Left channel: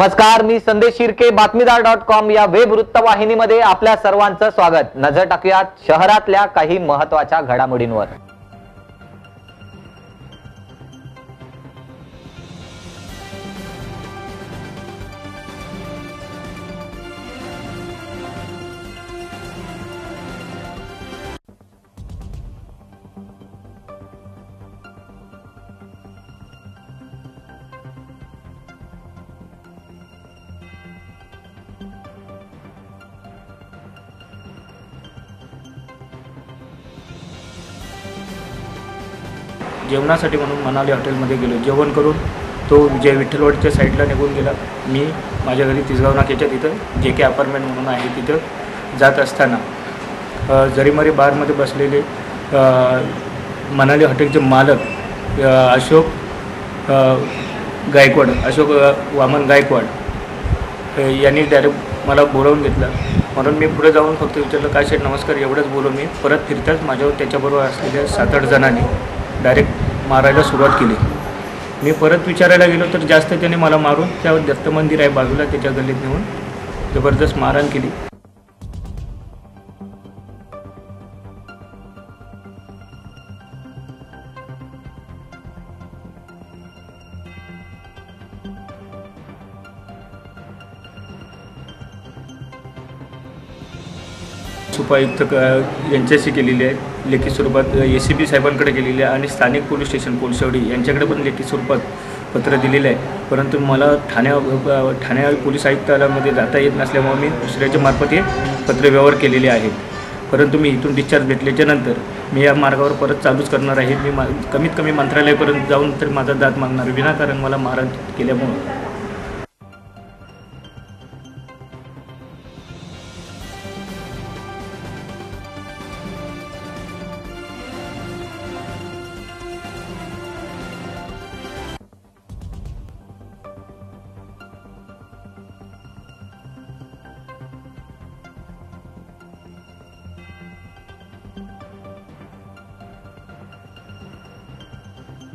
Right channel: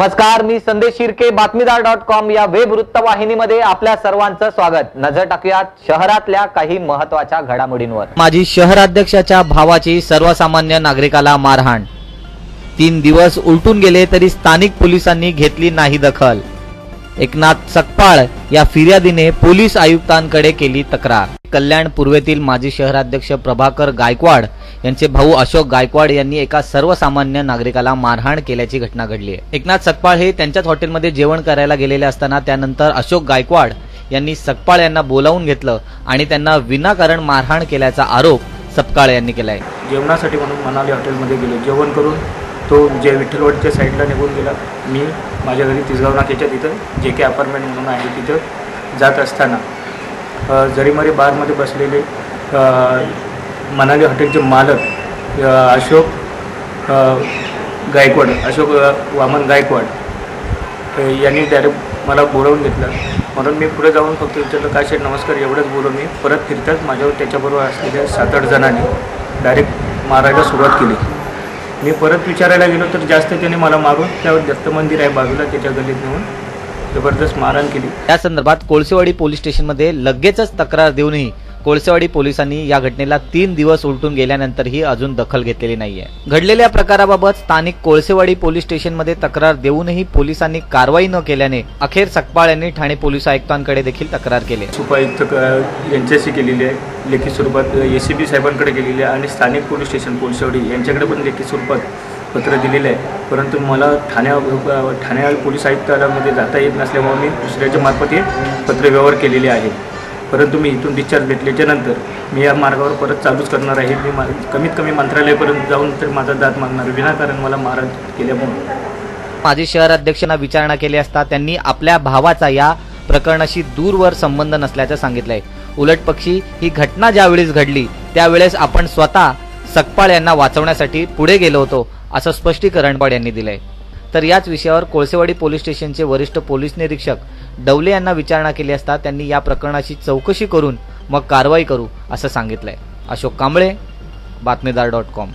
नमस्कार, मी संदेश शिर्के, बातमीदार.com या वेब वृत्तवाहिनीमध्ये आपल्या सर्वांचं स्वागत। नजर टाकूयात शहरातल्या काही महत्त्वाच्या घडामोडींवर। माजी शहराध्यक्षाच्या भावाची सर्वसामान्य नागरिकाला मारहाण। 3 दिवस उलटून गेले तरी स्थानिक पोलिसांनी घेतली नाही दखल। एकनाथ सकपाळ या फिर्यादीने पोलीस आयुक्तांकडे केली तक्रार। कल्याण पूर्वेतील माजी शहराध्यक्ष प्रभाकर गायकवाड यांचे भाऊ अशोक गायकवाड यांनी एका सर्वसामान्य नागरिकाला मारहाण केल्याची घटना घडली आहे। एकनाथ सकपाळ हे त्यांच्याच हॉटेलमध्ये जेवण करायला गेलेले असताना त्यानंतर अशोक गायकवाड यांनी सकपाळ यांना बोलावून घेतलं आणि त्यांना विनाकारण मारहाण केल्याचा आरोप सकपाळ यांनी केलाय। जेवणासाठी म्हणून मनाली हॉटेलमध्ये गेलो, जेवण करून तो विजय विठ्ठलवाडीच्या साईडला निघून गेला। मी माझ्या घरी तिसगाव नाक्याच्या तिथं JK अपार्टमेंट म्हणून आहे तिथं जात असताना जरीमारी बारमध्ये बसलेले मनाली हॉटेलचे मालक अशोक गायकवाड, अशोक वामन गायकवाड यांनी डायरेक्ट मला बोलावून घेतलं। म्हणून मी पुढे जाऊन फक्त विचारलं, काय शेठ नमस्कार, एवढंच बोलून मी परत फिरताच माझ्यावर त्याच्याबरोबर असलेल्या 7-8 जणांनी डायरेक्ट मारायला सुरुवात केली। मी परत विचारायला गेलो तर जास्त त्याने मला मारून त्यावर दत्त मंदिर आहे बाजूला त्याच्या गल्लीत नेऊन जबरदस्त मारहाण केली। या संदर्भात कोळसेवाडी पोलीस स्टेशनमध्ये लगेचच तक्रार देऊनही कोळसेवाडी पोलिसांनी या घटनेला 3 दिवस उलटून गेल्यानंतरही अजून दखल घेतलेली नाहीये। घडलेल्या प्रकाराबाबत स्थानिक कोळसेवाडी पोलीस स्टेशनमध्ये तक्रार देऊनही पोलिसांनी कारवाई न केल्याने अखेर सकपाळ यांनी ठाणे पोलीस आयुक्तांकडे देखील तक्रार केली। उपायुक्त यांच्याशी केलेली आहे, लेखी स्वरूपात ACP साहेबांकडे केलेली आहे आणि स्थानिक पोलीस स्टेशन कोळसेवाडी यांच्याकडे पण लेखी स्वरूपात पत्र दिलेलं आहे। परंतु मला ठाणे पोलीस आयुक्तालयामध्ये जाता येत नसल्यामुळे मी दुसऱ्याच्या मार्फत हे पत्रव्यवहार केलेले आहेत। परंतु मी इथून डिस्चार्ज भेटल्याच्या नंतर मी या मार्गावर परत चालूच करणार आहे। मी कमीत कमी मंत्रालयापर्यंत जाऊन तर माझा दाद मागणार, विनाकारण मला मारहाण केल्यामुळे। माजी शहराध्यक्षांना विचारणा केली असता त्यांनी आपल्या भावाचा या प्रकरणाशी दूरवर संबंध नसल्याचं सांगितलंय। उलटपक्षी ही घटना ज्यावेळेस घडली त्यावेळेस आपण स्वतः सकपाळ यांना वाचवण्यासाठी पुढे गेलो होतो असं स्पष्टीकरण गायकवाड यांनी दिलंय। तर याच विषयावर कोळसेवाडी पोलीस स्टेशनचे वरिष्ठ पोलीस निरीक्षक डवले यांना विचारणा केली असता त्यांनी या प्रकरणाची चौकशी करून मग कारवाई करू असं सांगितलंय। अशोक कांबळे, बातमीदार.com।